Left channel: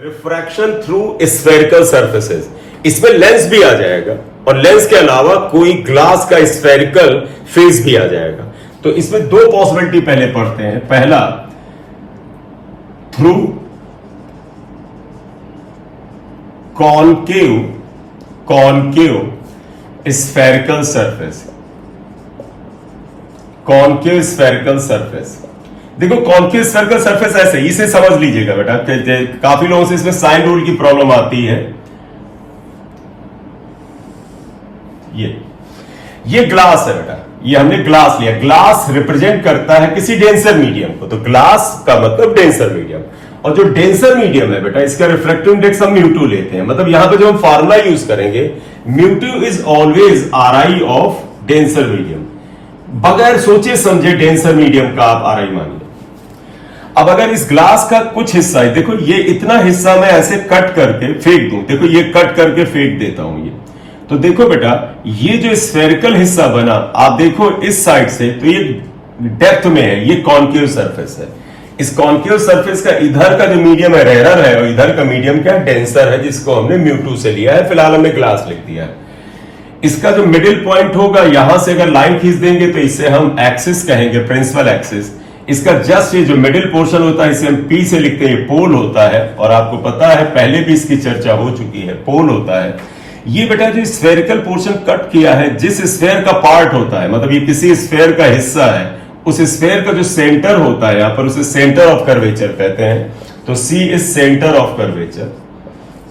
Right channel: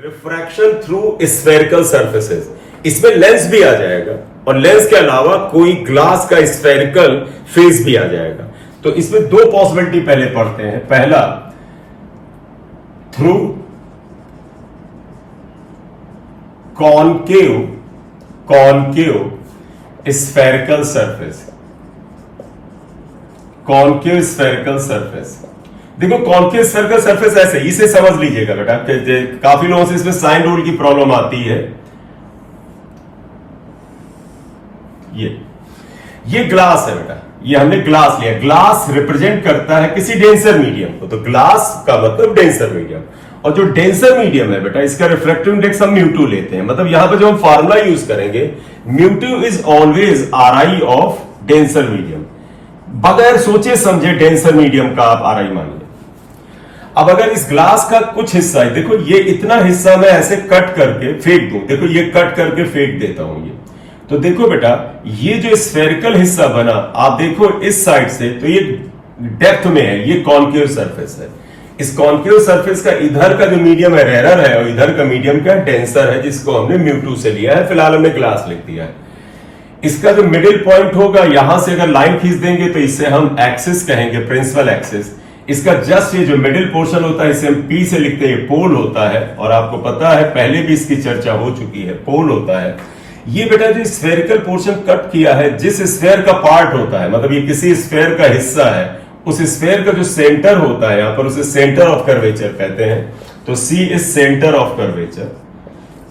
Refraction through spherical surfaces, इसमें lens भी आ जाएगा और लेंस के अलावा कोई ग्लास का स्फेरिकल फेस भी आ जाएगा। तो इसमें दो पॉसिबिलिटी पहले पढ़ते हैं। पहला, through concave spherical surface. Concave spherical surface, देखो कॉनकेव स्फेरिकल सरफेस ऐसे, इसे समझ लीजिएगा बेटा। काफी लोगों से इसमें साइन रूल की प्रॉब्लम आती है। ये ग्लास है बेटा, ये हमने ग्लास लिया। ग्लास रिप्रेजेंट करता है किसी डेंसर मीडियम को, तो ग्लास का मतलब डेंसर मीडियम। और जो डेंसर मीडियम है बेटा, इसका रिफ्रैक्टिव इंडेक्स हम म्यू2 लेते हैं। मतलब यहां पे जो हम फार्मूला यूज करेंगे, म्यू2 is always RI of denser medium. बगैर सोचे समझे डेंसर मीडियम का आप RI मानिए। अब अगर इस ग्लास का कुछ हिस्सा है, देखो ये इतना हिस्सा मैं ऐसे कट करके फेंक दूं, देखो ये कट करके फेंक देता हूं ये, तो देखो बेटा ये जो स्फेरिकल हिस्सा बना, आप देखो इस साइड से, तो ये डेप्थ में है, ये कॉनकेव सरफेस है। इस कॉनकेव सरफेस का इधर का जो मीडियम है रेरर है, और इधर का मीडियम क्या डेंसर है, जिसको हमने म्यू2 से लिया है। फिलहाल हमने ग्लास लिख दिया है। इसका जो मिडिल पॉइंट होगा, यहां से अगर लाइन खींच देंगे तो इसे हम एक्सिस कहेंगे, प्रिंसिपल एक्सिस। इसका जस्ट ये जो मिडिल पोर्शन होता है, इसे हम P से लिखते हैं, पोल होता है। और आपको पता है पहले भी इसकी चर्चा हो चुकी है, पोल होता है। ये बेटा जो स्फेरिकल पोर्शन कट किया है, जिस स्फेयर का पार्ट होता है, मतलब ये किसी स्फेयर का हिस्सा है, उस स्फेयर का जो सेंटर होता है, यहां पर उसे सेंटर ऑफ कर्वेचर कहते हैं। तो C is centre of curvature,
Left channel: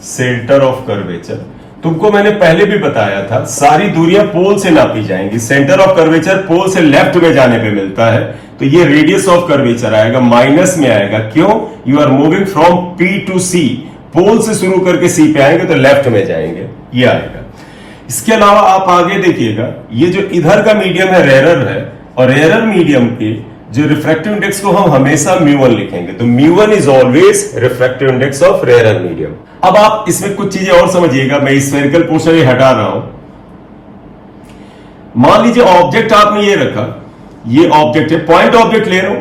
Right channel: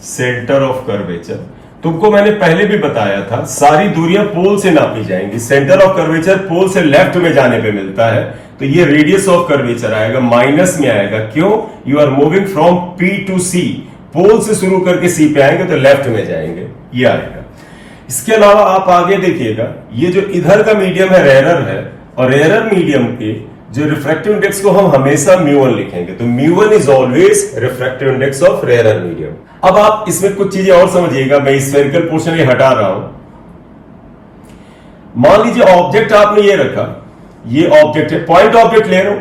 centre of curvature. तुमको मैंने पहले भी बताया था, सारी दूरियां पोल से नापी जाएंगी। सेंटर ऑफ कर्वेचर पोल से लेफ्ट में जाने पे मिलता है, तो ये रेडियस ऑफ कर्वेचर आएगा, माइनस में आएगा। क्यों? You are moving from P to C, pole से शुरू करके C पे आएंगे तो लेफ्ट में जाएंगे, ये आएगा। इसके अलावा आप आगे देखिएगा, ये जो इधर का मीडियम है रेरर है, और रेरर मीडियम के जो रिफ्रैक्टिव इंडेक्स को हम हमेशा म्यू1 लिखेंगे। तो म्यू1 is always refractive index of rarer medium. अब आप इसमें कुछ चीजें और समझिएगा, मैं स्फेरिकल पोर्शन ये हटा रहा हूं। मान लीजिए ऑब्जेक्ट आपने ये रखा, ये ऑब्जेक्ट है, पॉइंट ऑब्जेक्ट ले रहा हूं,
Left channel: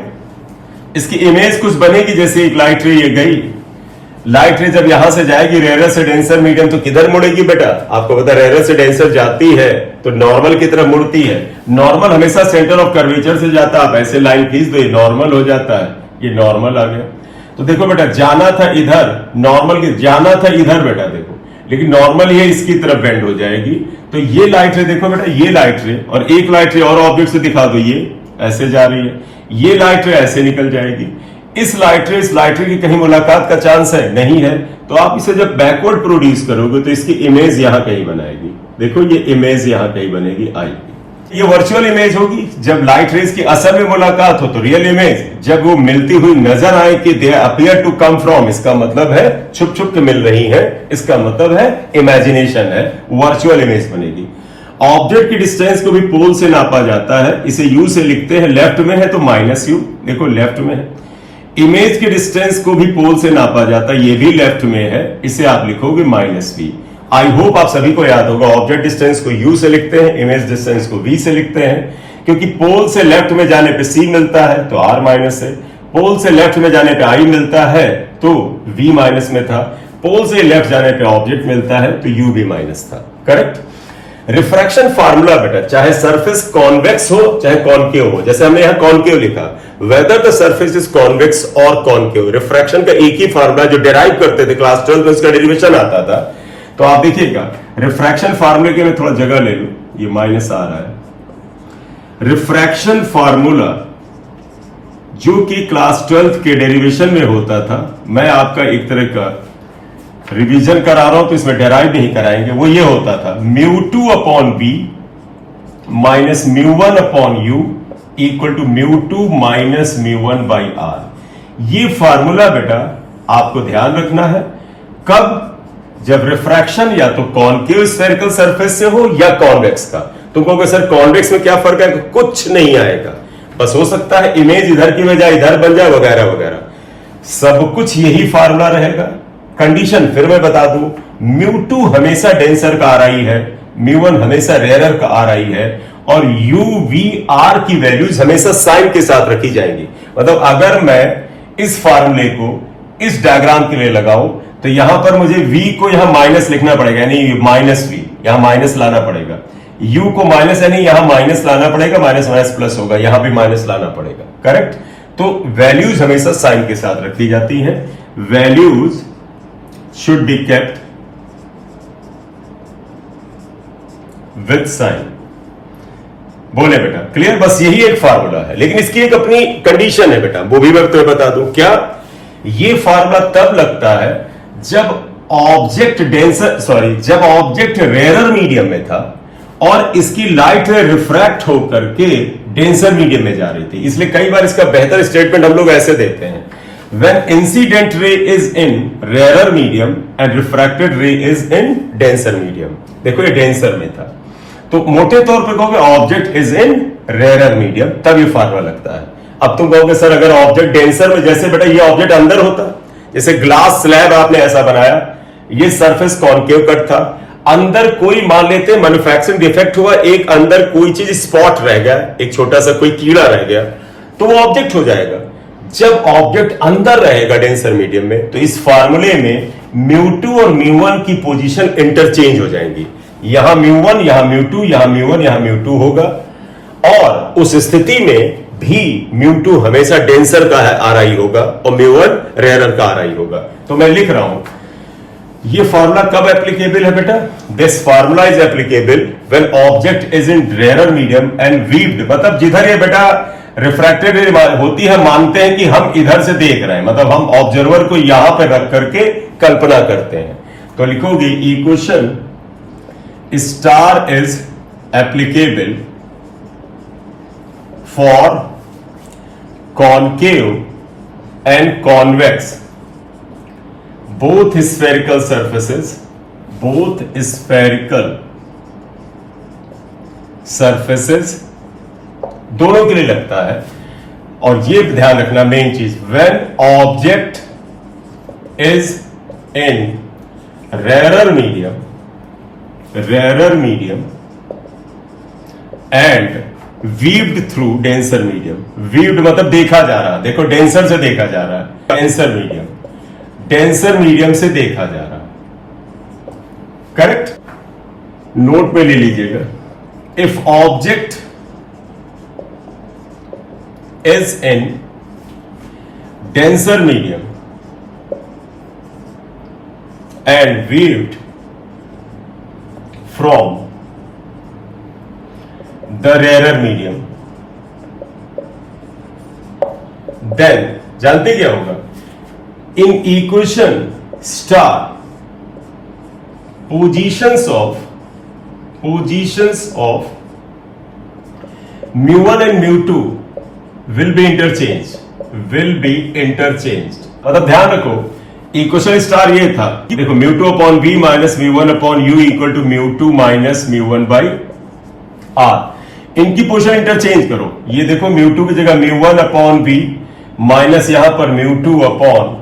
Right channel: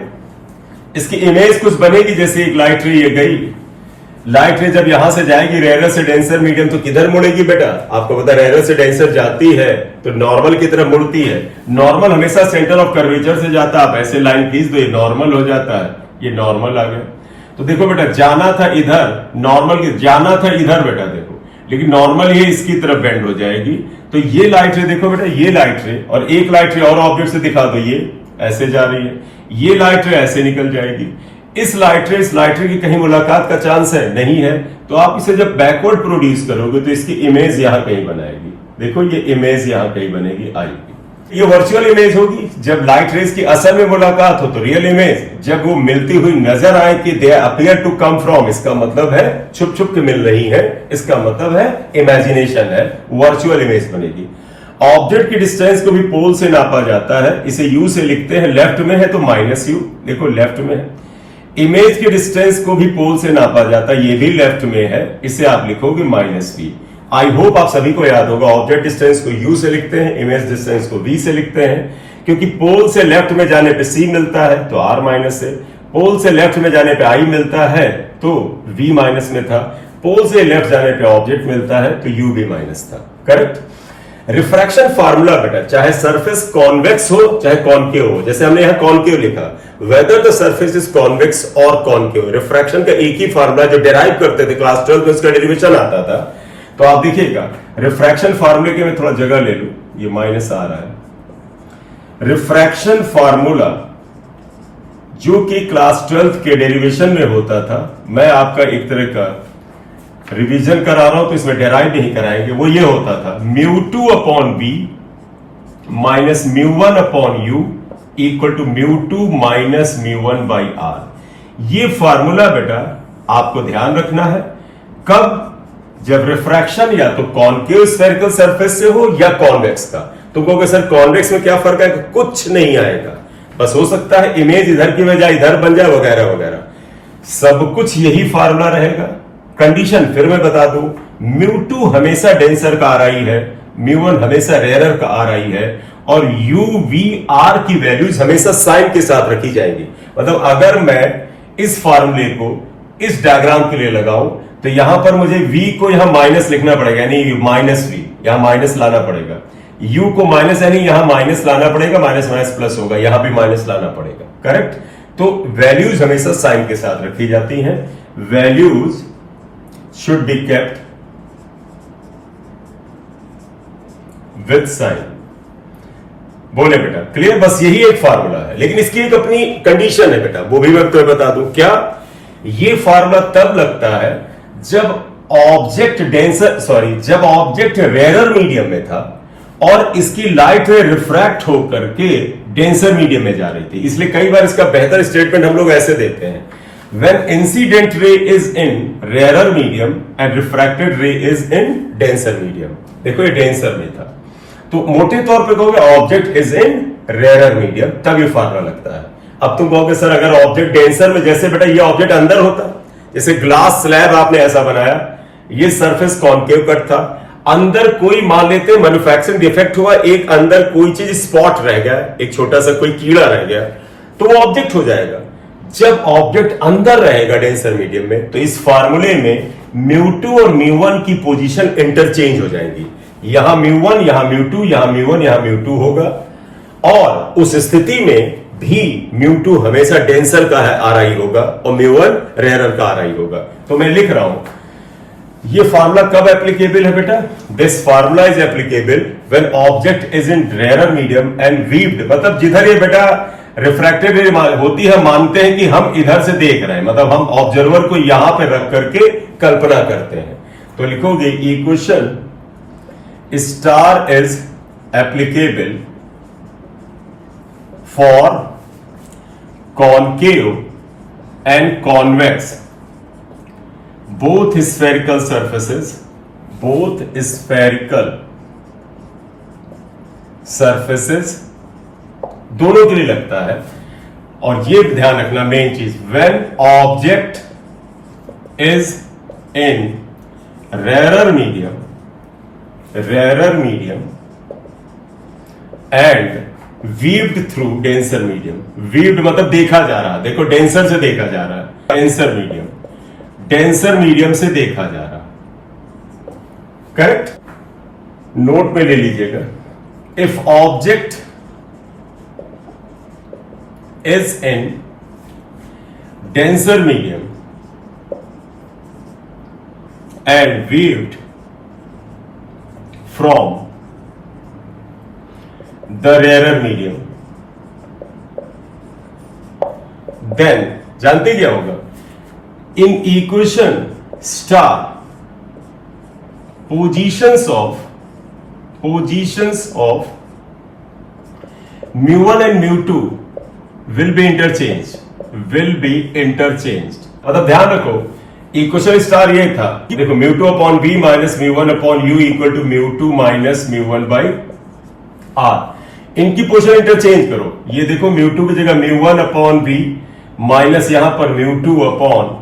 इसकी इमेज कुछ बनेगी। जैसे एक लाइट रे ये गई, लाइट रे जब यहां से जाएगी रेरर से डेंसर मीडियम, तो किधर मुड़ेगी बेटा? आपको पता है रेरर से डेंसर जाती है तो नॉर्मल की तरफ मुड़ती है। नॉर्मल हमेशा सेंटर ऑफ कर्वेचर से जाता है। आप ऐसे लाइन खींच दो, ये नॉर्मल हो जाता है, ये नॉर्मल आ गया। तो देखो बेटा, जाना था इधर, नॉर्मल की जाना था इधर बेटा, देखो, लेकिन नॉर्मल ये इसकी तरफ बेंड हो जाएगी। तो ये लाइट रे देखो बेटा, ये लाइट रे और एक लाइट रे और ऑब्जेक्ट से दिखा दो, ये ऐसे जा रही है, ये लाइट रे ऐसे निकल जाएगी। इस लाइट रे की कहीं मुलाकात का चांस है? नहीं है। तो आप इसे जब बैकवर्ड प्रोड्यूस करोगे तो इसकी इमेज यहां कहीं बनाएगी। देखो ये इमेज यहां कहीं बनेगी, आएगी। ये वर्चुअल इमेज होगी। जब लाइट रेज की असल में मुलाकात हो तो रियल इमेज, जब वो मिलती हुई नजर आए कि they appear to come from, इसका मतलब है छुप छुप के मिल रही है, इसका मतलब है इमेजिनेशन है, वर्चुअल इमेज बनेगी। ऑब्जेक्ट की डिस्टेंस को भी पोल से नापा जाता है, इसे यू से लिखते हैं। लेफ्ट में है तो -u, देखो लेफ्ट में है। इमेज की डिस्टेंस को भी पोल से नापा जाता है, ये भी लेफ्ट में है, इसे आप लिखोगे -v। आई होप आप सभी को याद होगा, ऑब्जेक्ट डिस्टेंस को u से लिखते हैं, इमेज डिस्टेंस को v से लिखते हैं, क्योंकि पोल से लेफ्ट में जाने पे c मिलता है तो r माइनस है, पोल से लेफ्ट में जाने पे i मिलता है तो v माइनस में था, पोल से लेफ्ट जाने पे ऑब्जेक्ट मिलता है तो u भी माइनस था। करेक्ट? रिफ्रैक्शन फार्मूला बेटा, चाहे सरफेस कॉन्वेक्स हो चाहे कॉनकेव हो, जैसे हमने यहां कॉनकेव लिखा, whether the surface is convex और कॉनकेव, रिफ्रैक्शन का एक ही फार्मूला जो डिराइव करते थे क्लास 12 में, उसका डेरिवेशन आता था। तो आप देखिएगा, रिफ्रैक्शन फार्मूले के मैं थोड़ा जगह ले लूं, ये माइनस आ रहा है। रिफ्रैक्शन फार्मूला जो कि क्लास 12 के डेरिवेशन में होता था, मैं आपका एक तरह का रिवीजन करा रहा हूं तो इसमें डेराइव नहीं कराएंगे। वो ये होता था, म्यू2 अपॉन बी माइनस म्यू1 अपॉन यू इक्वल टू म्यू2 माइनस म्यू1 बाई आर। ये फार्मूला बेटा आपको ध्यान रखना है। कब? जब रिफ्रैक्शन या तो कॉनकेव स्फेरिकल सरफेस से हो या कॉन्वेक्स का। तुम कहोगे सर कॉन्वेक्स में क्या फर्क है? कुछ नहीं आएगा, बस हो सकता है इमेज इधर की बजाय इधर बन जाए वगैरह वगैरह, सब कुछ यही फार्मूला रहेगा। कंडीशन फिर मैं बता दूं, म्यू2 हमेशा डेंसर का RI है, म्यू1 हमेशा रेरर का RI है, और u v r की वैल्यूज हमेशा साइन के साथ रखी जाएंगी। मतलब अगर मैं इस फार्मूले को इस डायग्राम के लिए लगाऊं तो यहां पर मुझे v को यहां माइनस लिखना पड़ेगा, यानी माइनस v, यहां माइनस लाना पड़ेगा। u को माइनस, यानी यहां माइनस लाना पड़ेगा, माइनस माइनस प्लस होगा, यहां भी माइनस लाना पड़ेगा। करेक्ट। तो वैल्यूज हमेशा साइन के साथ रखी जाती हैं। Values should be kept with sign. बोले बेटा क्लियर? बस यही एक फार्मूला है, लेकिन इसकी एक अपनी कंडीशन है बेटा, वो भी मैं तुम्हें बता दूं। क्या? ये फार्मूला तब लगता है जब ऑब्जेक्ट रेयर मीडियम में था और इसकी लाइट रे रिफ्रैक्ट होकर के डेंसर मीडियम में जा रही थी। इसलिए कई बार इसका बेहतर स्टेटमेंट हम लोग ऐसे देते हैं, when incident ray is in rarer medium and refracted ray is in denser medium। देखो ये डेंसर में था, तो मोटे तौर पे कहोगे object is in rarer medium, तब ये फार्मूला लगता है। अब तुम कहोगे सर अगर ऑब्जेक्ट डेंसर में, जैसे बेटा ये ऑब्जेक्ट अंदर होता, जैसे ग्लास स्लैब आपने ऐसा बनाया, ये सरफेस कॉनकेव कट था, अंदर कोई मान लेते मैन्युफैक्चरिंग डिफेक्ट हुआ, एक अंदर कोई चीज स्पॉट रह गया, एक छोटा सा कोई कीड़ा रह गया, तो वो ऑब्जेक्ट हो जाएगा। जब ऑब्जेक्ट अंदर रहेगा डेंसर मीडियम में, तो इस फार्मूले में μ2 और μ1 की पोजीशन इंटरचेंज हो जाएंगी। यहां μ1, यहां μ2, यहां μ1, यहां μ2 होगा, और उस स्थिति में भी μ2 हमेशा डेंसर का RI होगा और μ1 रेयर का RI होगा। तो मैं लिख रहा हूं, ये फार्मूला कब एप्लीकेबल है बेटा? This formula is applicable when object is in rarer medium and viewed. मतलब जिधर ये बेटा रिफ्रैक्टेड होती है, मानते हैं कि हम इधर से देख रहे हैं, मतलब हम ऑब्जर्वर को यहां पे रख करके कल्पना करते हैं। तो लिखोगे equation star is applicable for concave and convex both spherical surfaces दोनों के लिए लगता है। और ये ध्यान रखना मेन चीज, when object is in rarer medium and weaved through denser medium। weaved मतलब देखा जा रहा, देखो डेंसर से देखा जा रहा है, डेंसर मीडियम से देखा जा रहा। करेक्ट? नोट में ले लीजिएगा, if object is in denser medium and viewed from the rarer medium, then जानते क्या होगा? In equation star, positions of mu1 and mu2 will be interchanged। मतलब ध्यान रखो, इक्वेशन स्टार ये था, देखो μ2 upon b minus μ1 upon u equal to μ2 minus μ1 by r। इनकी पोजीशन इंटरचेंज करो, ये देखो μ2 की जगह μ1 अपॉन b माइनस यहां पर μ2 upon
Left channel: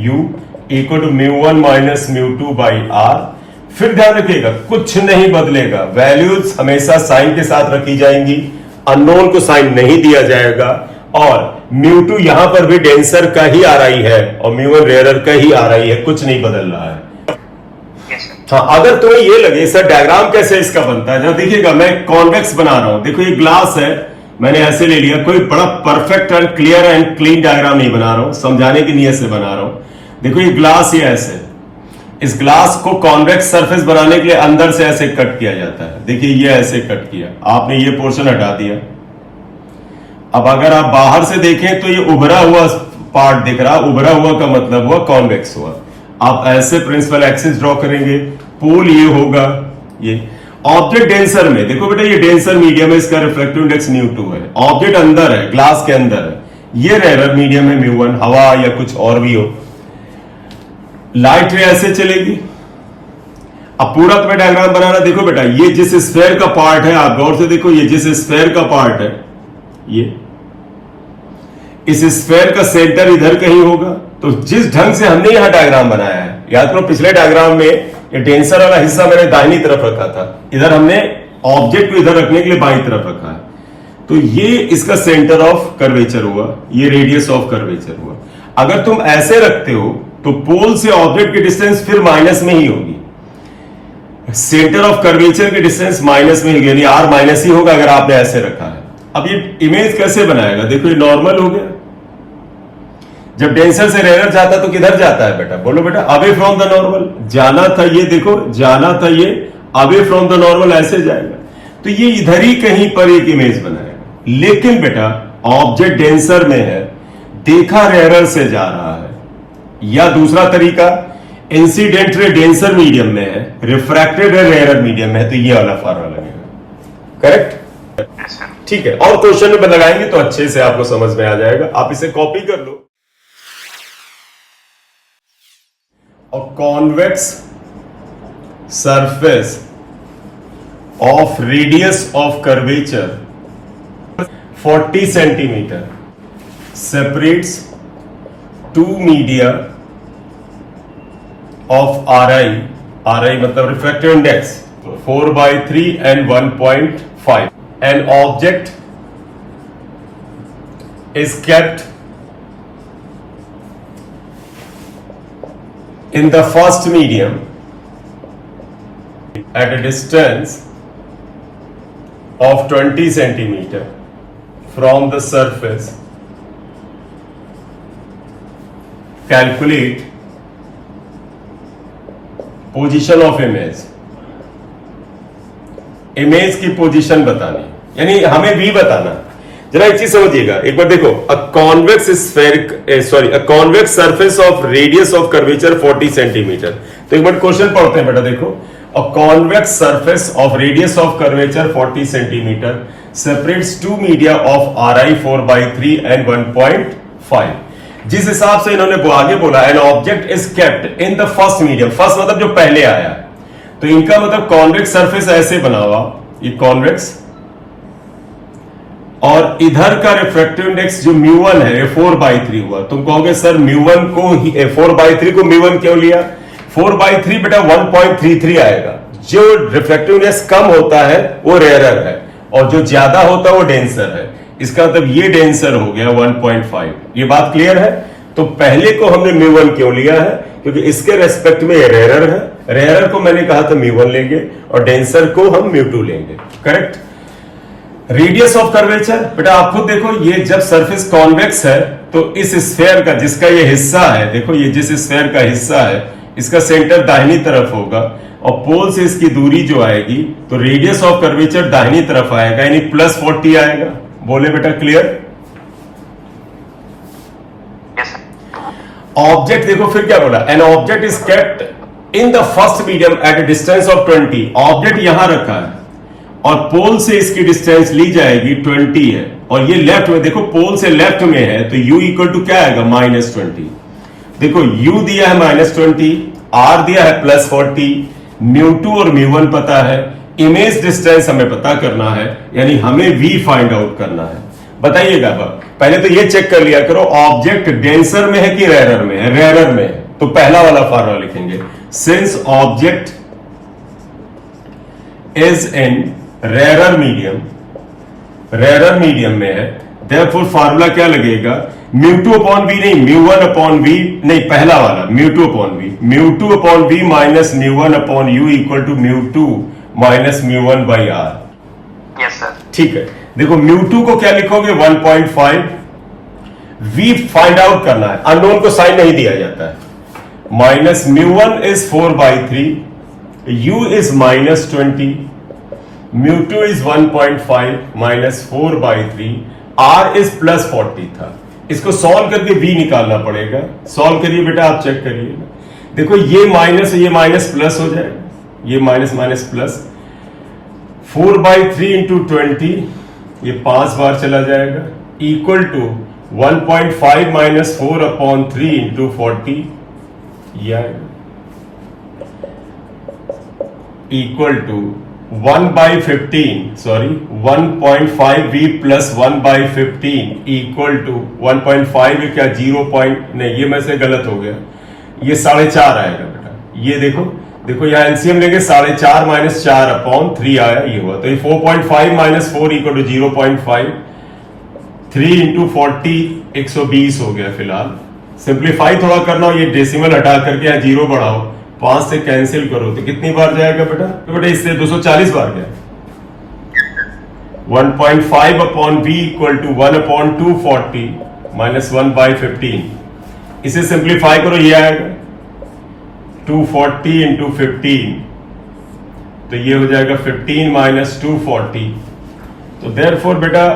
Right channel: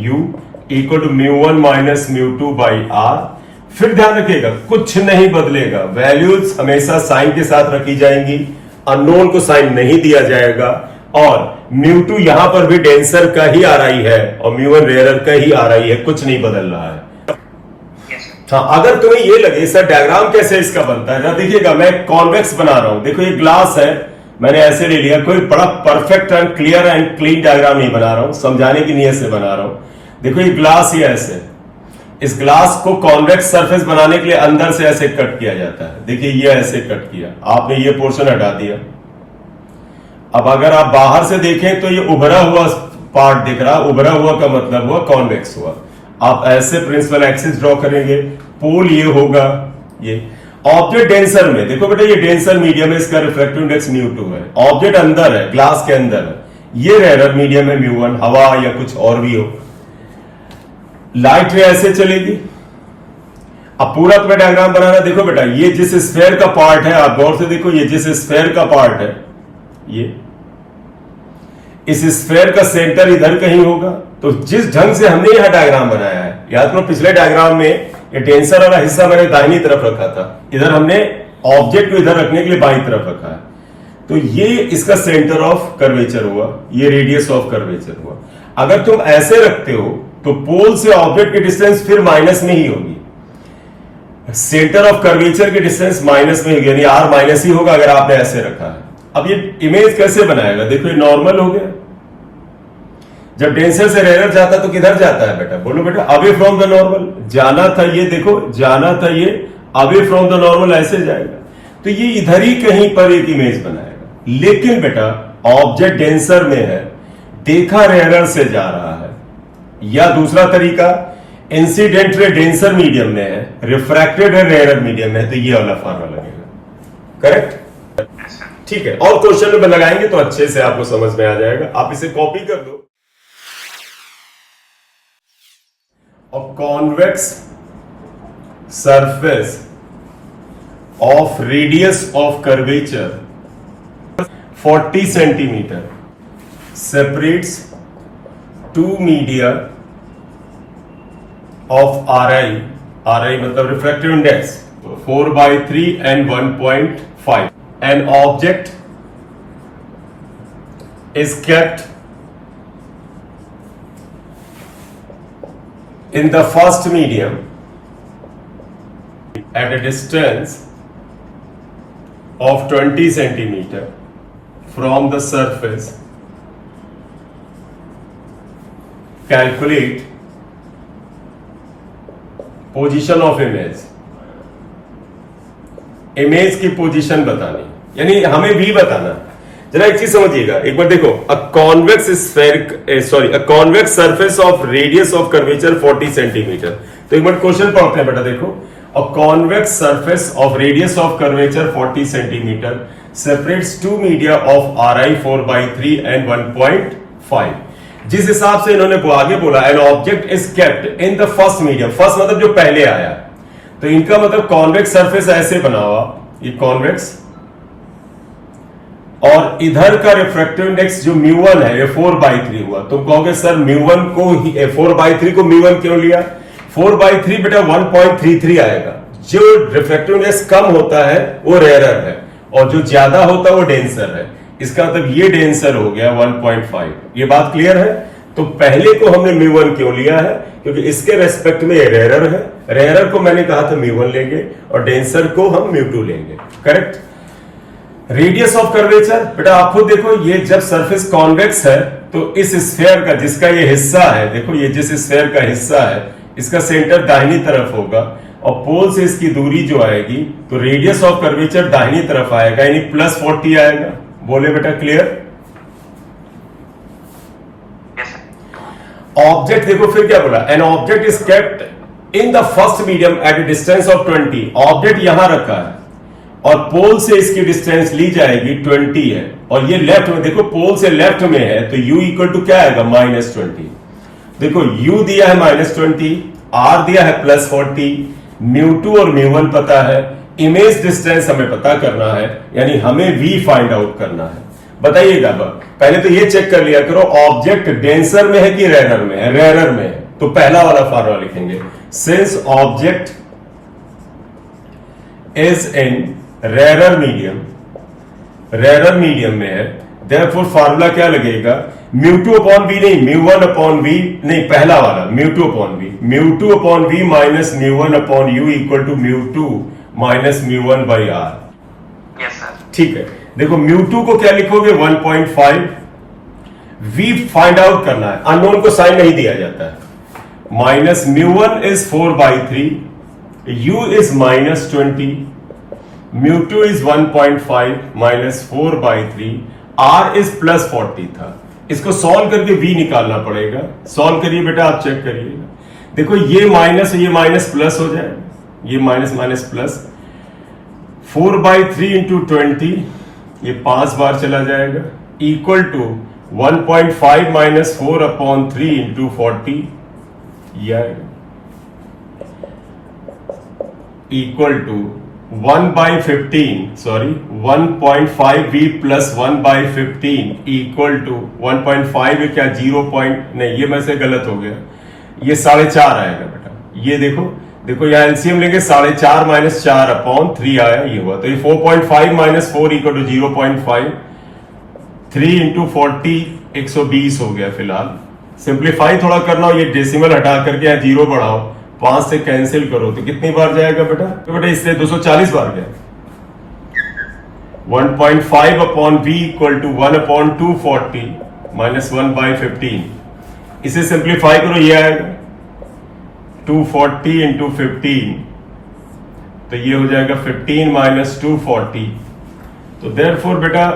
u equal to μ1 minus μ2 by r। फिर ध्यान रखिएगा कुछ नहीं बदलेगा, वैल्यूज हमेशा साइन के साथ रखी जाएंगी, अननोन को साइन नहीं दिया जाएगा, और μ2 यहां पर भी डेंसर का ही RI है और μ1 रेयर का ही RI है, कुछ नहीं बदल रहा है। हाँ, अगर तुम्हें ये लगे सर डायग्राम कैसे इसका बनता है, देखिएगा मैं कॉन्वेक्स बना रहा हूं, देखो ये ग्लास है, मैंने ऐसे ले लिया, कोई बड़ा perfect and clear and clean diagram नहीं बना रहा हूं, समझाने की नीयत से बना रहा हूं। देखो ये ग्लास ही ऐसे, इस ग्लास को कॉन्वेक्स सरफेस बनाने के लिए अंदर से ऐसे कट किया जाता है। देखिए ये ऐसे कट किया, आपने ये पोर्शन हटा दिया। अब अगर आप बाहर से देखें तो ये उभरा हुआ पार्ट दिख रहा, उभरा हुआ का मतलब हुआ कॉन्वेक्स हुआ। आप ऐसे प्रिंसिपल एक्सिस ड्रॉ करेंगे, पोल ये होगा, ये ऑब्जेक्ट डेंसर में देखो बेटा, ये डेंसर मीडियम है, इसका रिफ्रैक्टिव इंडेक्स μ2 है, ऑब्जेक्ट अंदर है, ग्लास के अंदर है, ये रेयर मीडियम है μ1, हवा या कुछ और भी हो। लाइट रे ऐसे चलेगी। अब पूरा तुम्हें डायग्राम बनाना, देखो बेटा ये जिस स्फेयर का पार्ट है, आप गौर से देखो, ये जिस स्फेयर का पार्ट है, ये इस स्फेयर का सेंटर इधर कहीं होगा। तो जिस ढंग से हमने यहां डायग्राम बनाया है, याद करो पिछले डायग्राम में ये डेंसर वाला हिस्सा मैंने दाहिनी तरफ रखा था, इधर हमने ऑब्जेक्ट को इधर रखने के लिए बाईं तरफ रखा है। तो ये इसका सेंटर ऑफ कर्वेचर हुआ, ये रेडियस ऑफ कर्वेचर हुआ। अगर तुम ऐसे रखते हो तो पोल से ऑब्जेक्ट की डिस्टेंस फिर माइनस में ही होगी, सेंटर ऑफ कर्वेचर की डिस्टेंस माइनस में होगी, यानी आर माइनस ही होगा अगर आपने ऐसे रखा है। अब ये इमेज कैसे बनाएगा, देखो ये नॉर्मल हो गया। जब डेंसर से रेयर जाता तो किधर जाता है बेटा, बोलो बेटा, अवे फ्रॉम द नॉर्मल जाना था, ये देखो जाना था, ये अवे फ्रॉम द नॉर्मल ऐसे जाएगा, तो ये इधर ही कहीं पर एक इमेज बनाएगा। लेकिन बेटा ऑब्जेक्ट डेंसर में है, देखा रेयर से जा रहा है, या दूसरा तरीका इंसिडेंट रे डेंसर मीडियम में है, रिफ्रैक्टेड रे रेयर मीडियम में है, तो ये वाला फॉर्मूला लगेगा। करेक्ट, ठीक है। और क्वेश्चन में लगाएंगे तो अच्छे से आपको समझ में आ जाएगा, आप इसे कॉपी कर लो। A convex surface of radius of curvature 40 centimeter separates two media of RI, RI मतलब refractive index 4/3 and 1.5. An object is kept in the first medium at a distance of 20 centimeter from the surface. Calculate position of image. Image की position बतानी, यानी हमें भी बताना। जरा एक चीज समझिएगा, एक बार देखो, a convex surface of radius of curvature 40 centimetre. तो एक बार क्वेश्चन पढ़ते हैं बेटा, देखो, a convex surface of radius of curvature 40 centimetre separates two media of RI 4/3 and 1.5। जिस हिसाब से इन्होंने आगे बोला, an object is kept in the first medium, first मतलब जो पहले आया, तो इनका मतलब कॉन्वेक्स सरफेस ऐसे बना हुआ, ये कॉन्वेक्स, और इधर का रिफ्रैक्टिव इंडेक्स जो μ1 है, ये 4/3 हुआ। तुम कहोगे सर μ1 को 4/3 को μ1 क्यों लिया? 4/3 बेटा 1.33 आएगा। जो रिफ्रैक्टिव इंडेक्स कम होता है वो रेयरर है, और जो ज्यादा होता है वो डेंसर है। इसका मतलब ये डेंसर हो गया 1.5। ये बात क्लियर है? तो पहले को हमने μ1 क्यों लिया है? क्योंकि इसके रेस्पेक्ट में ये रेयरर है, रेयरर को मैंने कहा था μ1 लेंगे और डेंसर को हम μ2 लेंगे। करेक्ट। रेडियस ऑफ कर्वेचर बेटा आप खुद देखो, ये जब सरफेस कॉन्वेक्स है तो इस स्फेयर का जिसका ये हिस्सा है, देखो ये जिस स्फेयर का हिस्सा है, इसका सेंटर दाहिनी तरफ होगा, और पोल से इसकी दूरी जो आएगी, तो रेडियस ऑफ कर्वेचर दाहिनी तरफ आएगा, यानी +40 आएगा। बोले बेटा क्लियर? ऑब्जेक्ट देखो फिर क्या बोला, an object is kept in the first medium at A distance of 20। Object यहां रखा है और पोल से इसकी डिस्टेंस ली जाएगी 20 है, और ये लेफ्ट में, देखो पोल से लेफ्ट में है, तो u इक्वल टू क्या आएगा, -20। देखो u दिया है -20, r दिया है +40, μ2 और μ1 पता है, इमेज डिस्टेंस हमें पता करना है, यानी हमें v फाइंड आउट करना है। बताइएगा, पहले तो ये चेक कर लिया करो, ऑब्जेक्ट डेंसर में है कि रेयरर में है? रेयरर में है, तो पहला वाला फॉर्मूला लिखेंगे, since object is in rarer medium में है, देयरफॉर फार्मूला क्या लगेगा, μ2/v नहीं, μ1/v नहीं, पहला वाला μ2/v minus μ1/u equal to μ2 minus μ1/r। Yes sir. ठीक है, देखो μ2 को क्या लिखोगे, 1.5, v फाइंड आउट करना है, अननोन को साइन नहीं दिया जाता है, minus μ1 is 4/3, u is -20, μ2 is 1.5 minus 4/3, r is +40 था। इसको सॉल्व करके v निकालना पड़ेगा। सॉल्व करिए बेटा, आप चेक करिए, देखो ये माइनस ये माइनस प्लस हो जाएगा, ये माइनस माइनस प्लस, 4/3 इंटू 20, ये 5 बार चला जाएगा, equal to 1.5 minus 4/3 into 40, equal to 1/15 plus 1/15 equal to 1.5 क्या 0 नहीं, ये में से गलत हो गया, ये 4.5 आएगा बेटा। ये देखो देखो यहाँ एलसीएम लेंगे 4.5 माइनस 4/3 आया, ये हुआ। तो ये 4.5 माइनस 4 इक्वल टू 0.5, 3 इंटू 40 120 हो गया फिलहाल। सिंप्लीफाई थोड़ा करना हो, ये डेसिमल हटा करके यहाँ 0 बढ़ाओ, 5 से कैंसिल करो तो कितनी बार जाएगा बेटा? तो बेटा इससे 240 बार गया। 1.5/v equal to 1/240 minus 1/15। इसे सिंप्लीफाई करो, ये आएगा 240 इंटू 15, तो ये हो जाएगा 15 माइनस 240। तो देयरफॉर बेटा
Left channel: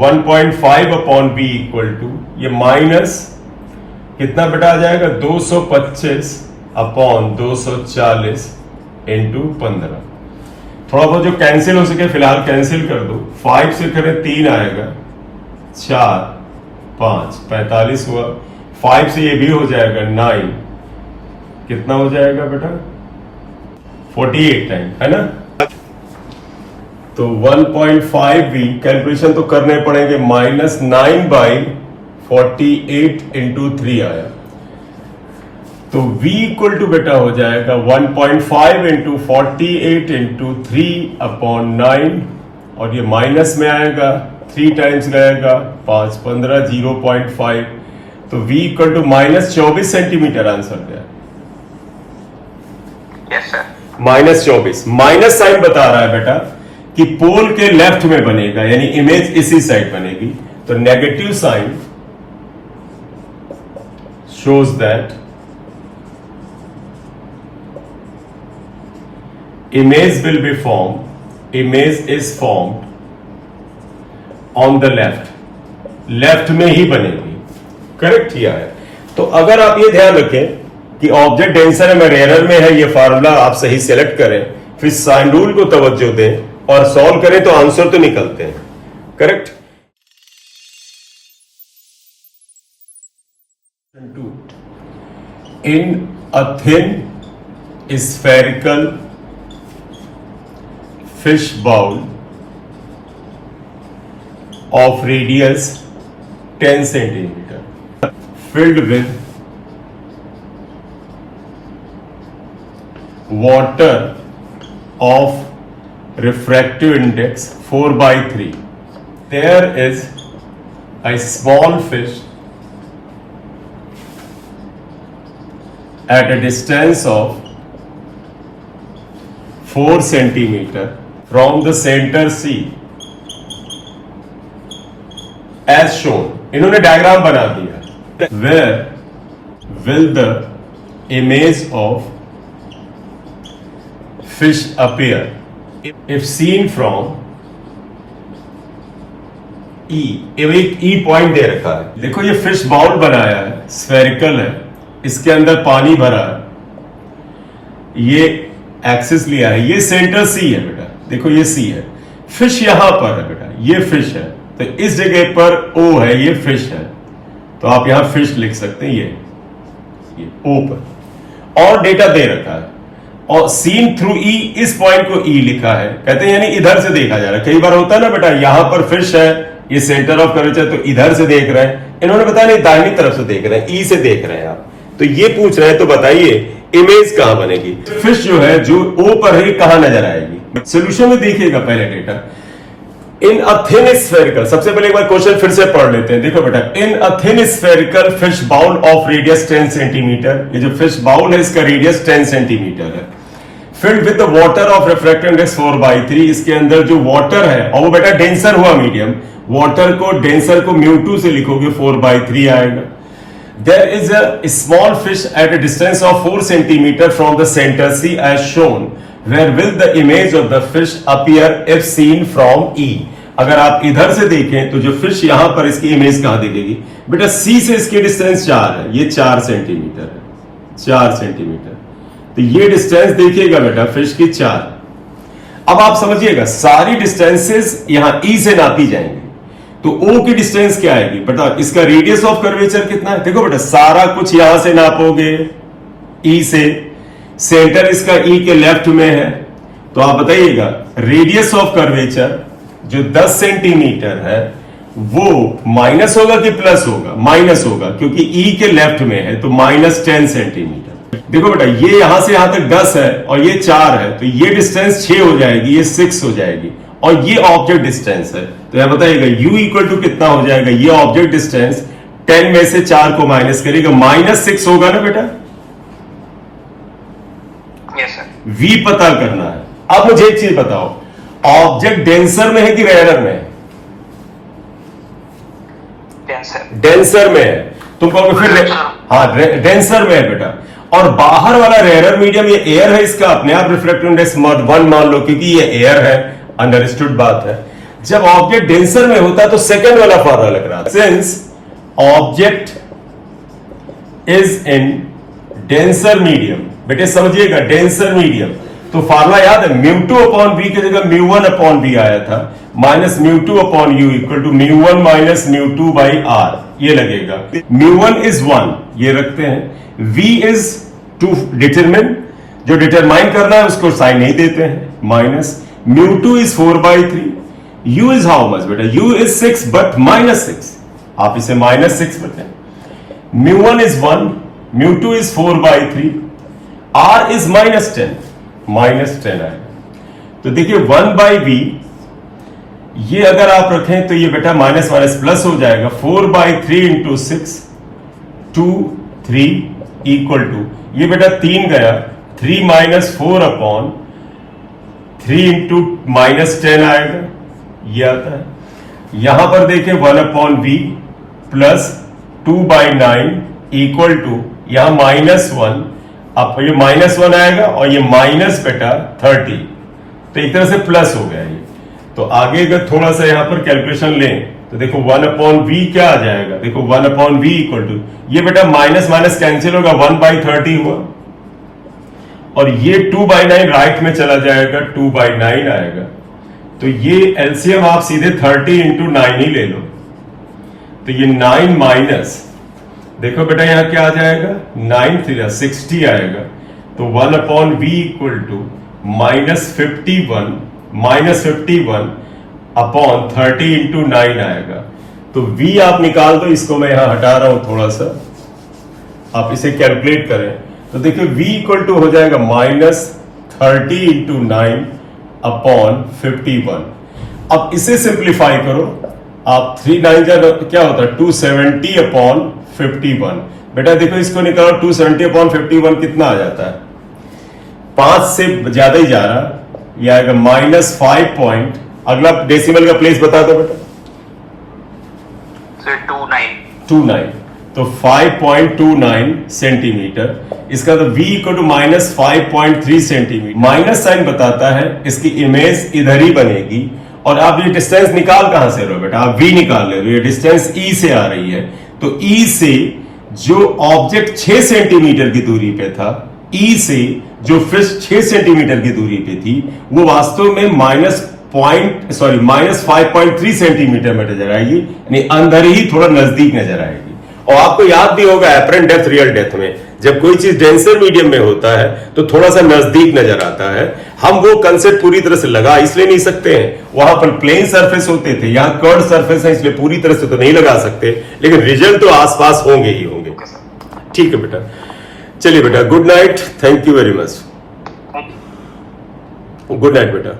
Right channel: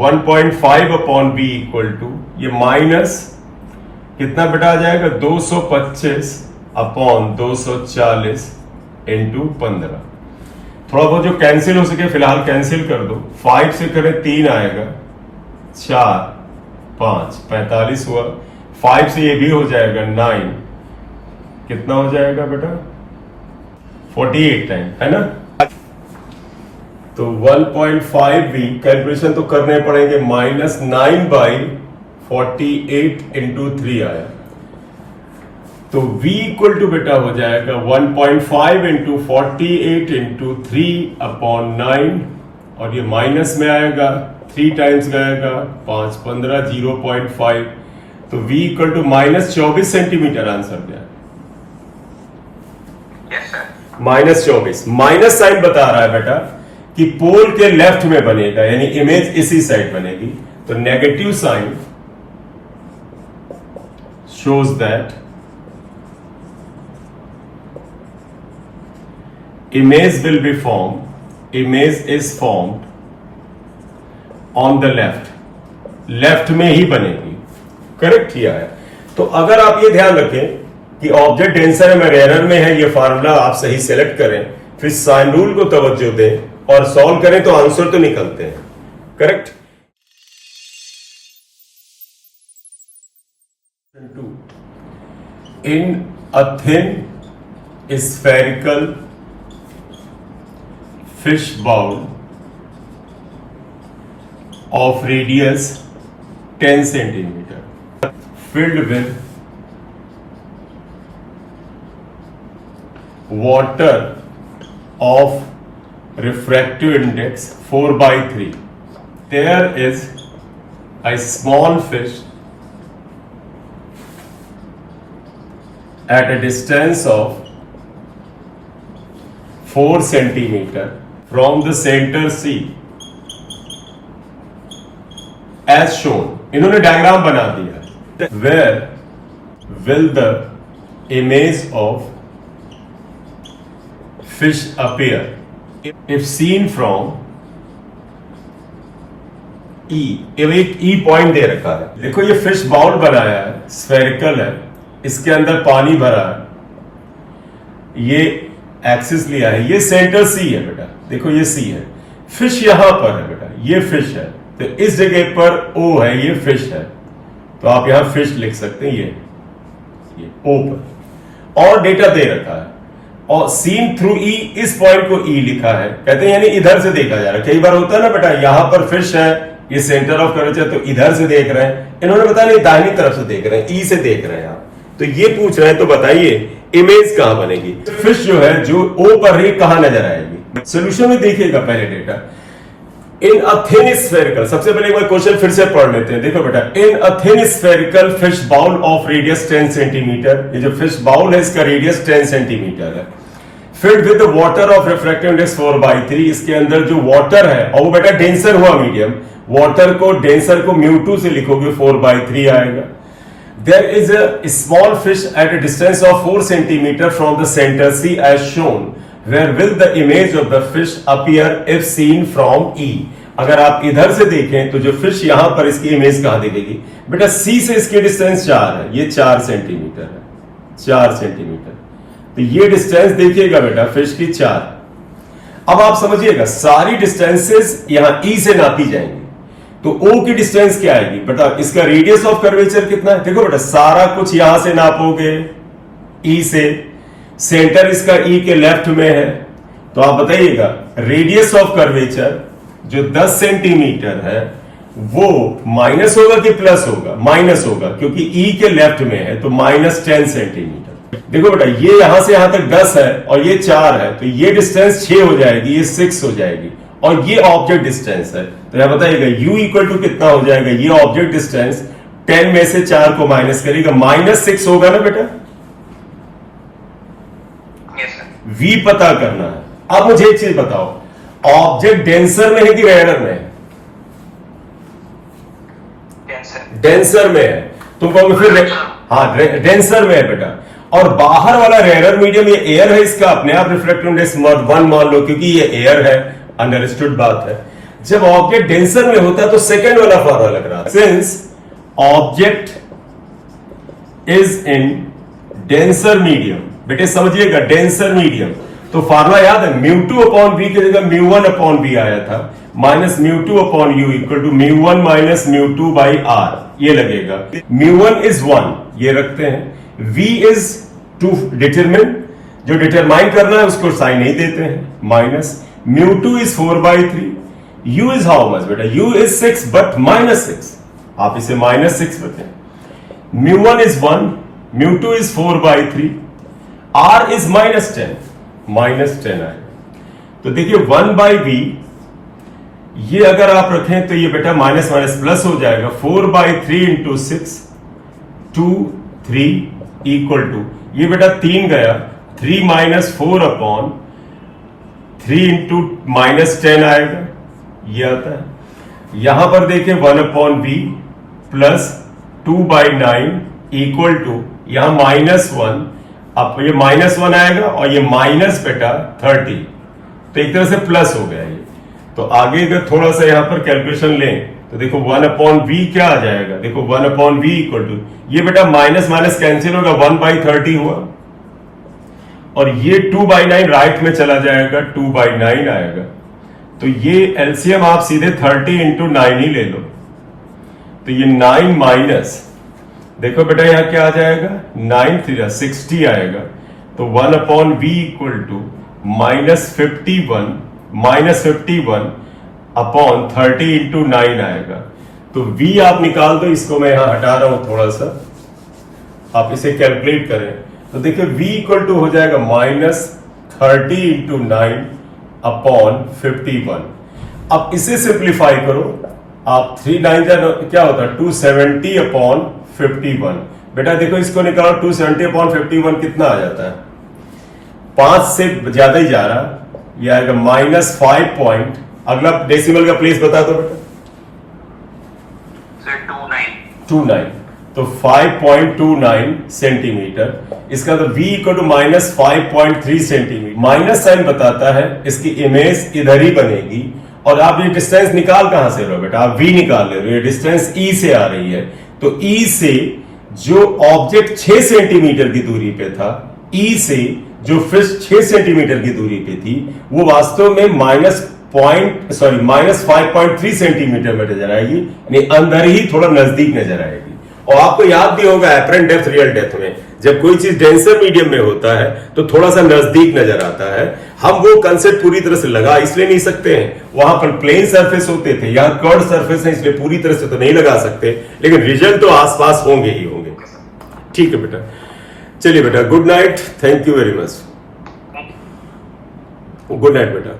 1.5/v इक्वल टू ये माइनस कितना बेटा आ जाएगा? 225/240 इंटू 15। थोड़ा बहुत जो कैंसिल हो सके फिलहाल कैंसिल कर दो। 5 से करें 3 आएगा, 4 5 45 हुआ। 5 से ये भी हो जाएगा 9, कितना हो जाएगा बेटा? 48 टाइम, है ना? तो 1.5v कैलकुलेशन तो करने पड़ेंगे, माइनस 9/48 इंटू 3 आया। तो v इक्वल टू बेटा हो जाएगा 1.5 इंटू 48 इंटू 3/9, और ये माइनस में आएगा, 3 टाइम्स गएगा, 5 15 0.5। तो v equal to minus 24 centimetre answer गया। Yes sir. Minus 24, minus sign बता रहा है बेटा कि पोल के लेफ्ट में बनेगा, यानी इमेज इसी साइड बनेगी। तो negative sign shows that image will be formed, image is formed on the left, left में ही बनेगी। करेक्ट किया है। तो अगर आप ये ध्यान रखें कि ऑब्जेक्ट डेंसर में एरर में है, ये फार्मूला आप सही सेलेक्ट करें, फिर साइन रूल को तवज्जो दें और सॉल्व करें तो आंसर तो निकलते हैं। Correct. In a thin spherical fish bowl of radius 10 centimeter filled with water of refractive index 4/3, there is a small fish at a distance of 4 centimeter from the center C as shown। इन्होंने diagram बना दिया। Where will the image of fish appear if seen from E? एक E point दे रखा है। देखो ये fish bowl बनाया है, स्फेरिकल है, इसके अंदर पानी भरा है, ये एक्सिस लिया है, ये सेंटर सी है बेटा। देखो ये सी है, फिश यहां पर है बेटा, ये फिश है, तो इस जगह पर ओ है, ये फिश है, तो आप यहां फिश लिख सकते हैं, ये ओ पर। और डेटा दे रखा है, और सीन थ्रू ई, इस पॉइंट को ई लिखा है, कहते हैं यानी इधर से देखा जा रहा है। कई बार होता है ना बेटा, यहां पर फिश है, ये सेंटर ऑफ कर्वेचर, तो इधर से देख रहे हैं, इन्होंने बताया नहीं दाहिनी तरफ से देख रहे हैं, ई से देख रहे हैं आप, तो ये पूछ रहे हैं, तो बताइए इमेज कहां बनेगी? फिश जो है जो ओ पर है, कहां नजर आएगी? सोल्यूशन में देखिएगा पहले data. In a thin spherical, सबसे पहले एक बार क्वेश्चन फिर से पढ़ लेते हैं। देखो बेटा, in a thin spherical fish bowl of radius 10 centimetre, ये जो फिश बाउल है इसका रेडियस 10 सेंटीमीटर है, filled with the water of refractive index 4/3, इसके अंदर जो वाटर है, और वो बेटा डेंसर हुआ मीडियम, वाटर को डेंसर को μ2 से लिखोगे 4/3 आएगा। There is a small fish at a distance of 4 centimeter from the center C as shown. Where will the image of the fish appear if seen from E? अगर आप इधर से देखें तो जो फिश यहां पर, इसकी इमेज कहां दिखेगी बेटा? C से इसकी डिस्टेंस 4 है, ये 4 सेंटीमीटर है, 4 सेंटीमीटर। तो ये डिस्टेंस देखिएगा बेटा फिश की 4। अब आप समझिएगा सारी डिस्टेंसेस यहां E से नापी जाएंगी, तो O की डिस्टेंस क्या आएगी बेटा? इसका रेडियस ऑफ कर्वेचर कितना है? देखो बेटा सारा कुछ यहां से नापोगे E से, सेंटर इसका E के लेफ्ट में है, तो आप बताइएगा रेडियस ऑफ कर्वेचर जो 10 सेंटीमीटर है वो माइनस होगा कि प्लस होगा? माइनस होगा, क्योंकि E के लेफ्ट में है, तो -10 सेंटीमीटर। देखो बेटा, ये यहां से यहां तक 10 है और ये 4 है, तो ये डिस्टेंस 6 हो जाएगी, ये 6 हो जाएगी, और ये ऑब्जेक्ट डिस्टेंस है। तो यहां बताइएगा u इक्वल टू कितना हो जाएगा? ये ऑब्जेक्ट डिस्टेंस 10 में से 4 को माइनस करेगा, -6 होगा ना बेटा? v पता करना है। अब मुझे एक चीज बताओ, ऑब्जेक्ट डेंसर में है कि रेयर में है? डेंसर में है। तुम कहोगे फिर हाँ डेंसर में है बेटा, और बाहर वाला रेयर मीडियम ये एयर है, इसका अपने आप रिफ्लेक्टिव इंडेक्स mod 1 मान लो, क्योंकि ये एयर है, अंडरस्टूड बात है। जब ऑब्जेक्ट डेंसर में होता है तो सेकंड वाला फॉर्मूला लग रहा है, since object is in denser medium. बेटे समझिएगा, डेंसर मीडियम, तो फार्मूला याद है, μ2 अपॉन v की जगह μ1 अपॉन v आया था, minus μ2 upon u equal to μ1 minus μ2 by r, ये लगेगा। μ1 इज 1, ये रखते हैं, v इज टू डिटरमिन, जो डिटरमाइन करना है उसको साइन नहीं देते हैं, minus μ2 is 4/3, u is how much बेटा? u इज 6 बट -6, आप इसे -6 रखें। μ1 इज 1, μ2 इज 4/3, r इज -10, -10 आएगा। तो देखिए 1/v, ये अगर आप रखें तो ये बेटा माइनस माइनस प्लस हो जाएगा, 4/3 इंटू 6, 2 3 इक्वल टू, ये बेटा 3 गया, 3 माइनस 4 अपॉन 3 इंटू -10 आएगा, ये आता है। यहां पर देखिए 1 upon v plus 2/9 equal to, यहां -1, अब ये -1 आएगा और ये माइनस बेटा 30, तो एक तरह से प्लस हो गया ये। तो आगे अगर थोड़ा सा यहां पर कैलकुलेशन लें तो देखो 1 अपॉन v क्या आ जाएगा? देखो 1 अपॉन v इक्वल टू, ये बेटा माइनस माइनस कैंसिल होगा, 1/30 हुआ, और ये 2/9 राइट में चला जाएगा, 2/9 आएगा। तो ये एलसीएम आप सीधे 30 इंटू 9 ही ले लो, तो ये 9 माइनस, देखो बेटा यहां क्या आ जाएगा, 9 3 60 आएगा। तो 1 upon v equal to -51 upon 30 into 9 आएगा। तो v आप निकाल दो, इसको मैं यहां हटा रहा हूं थोड़ा सा, आप इसे कैलकुलेट करें तो देखिए v इक्वल टू हो जाएगा -30 इंटू 9 अपॉन 51। अब इसे सिंप्लीफाई करो आप, 3 9 क्या होता है, 270 अपॉन 51। बेटा देखो इसको निकालो, 270 अपॉन 51 कितना आ जाता है? 5 से ज्यादा ही जा रहा, ये आएगा -5 पॉइंट, अगला डेसिमल का प्लेस बता दो बेटा, 29, तो 5.29 सेंटीमीटर। इसका तो v equal to -5.3 centimetre, minus sign बताता है इसकी इमेज इधर ही बनेगी। और आप ये डिस्टेंस निकाल कहां से रहे हो बेटा? आप v निकाल ले रहे हो, ये डिस्टेंस e से आ रही है, तो e से जो ऑब्जेक्ट 6 सेंटीमीटर की दूरी पे था, e से जो फिश 6 सेंटीमीटर की दूरी पे थी, वो वास्तव में -5.3 सेंटीमीटर में नजर आएगी, यानी अंदर ही थोड़ा नजदीक नजर आएगी। और आपको याद भी होगा एपरेंट डेप्थ रियल डेप्थ में, जब कोई चीज डेंसर मीडियम में होता है तो थोड़ा सा नजदीक नजर आता है। हम वो कंसेप्ट पूरी तरह से लगा इसलिए नहीं सकते हैं, वहां पर प्लेन सरफेस होते थे, यहां कर्व सरफेस है, इसलिए पूरी तरह से तो नहीं लगा सकते, लेकिन रिजल्ट तो आसपास होंगे ही होंगे। ठीक है बेटा, चलिए बेटा, good night, thank you very much, good night बेटा।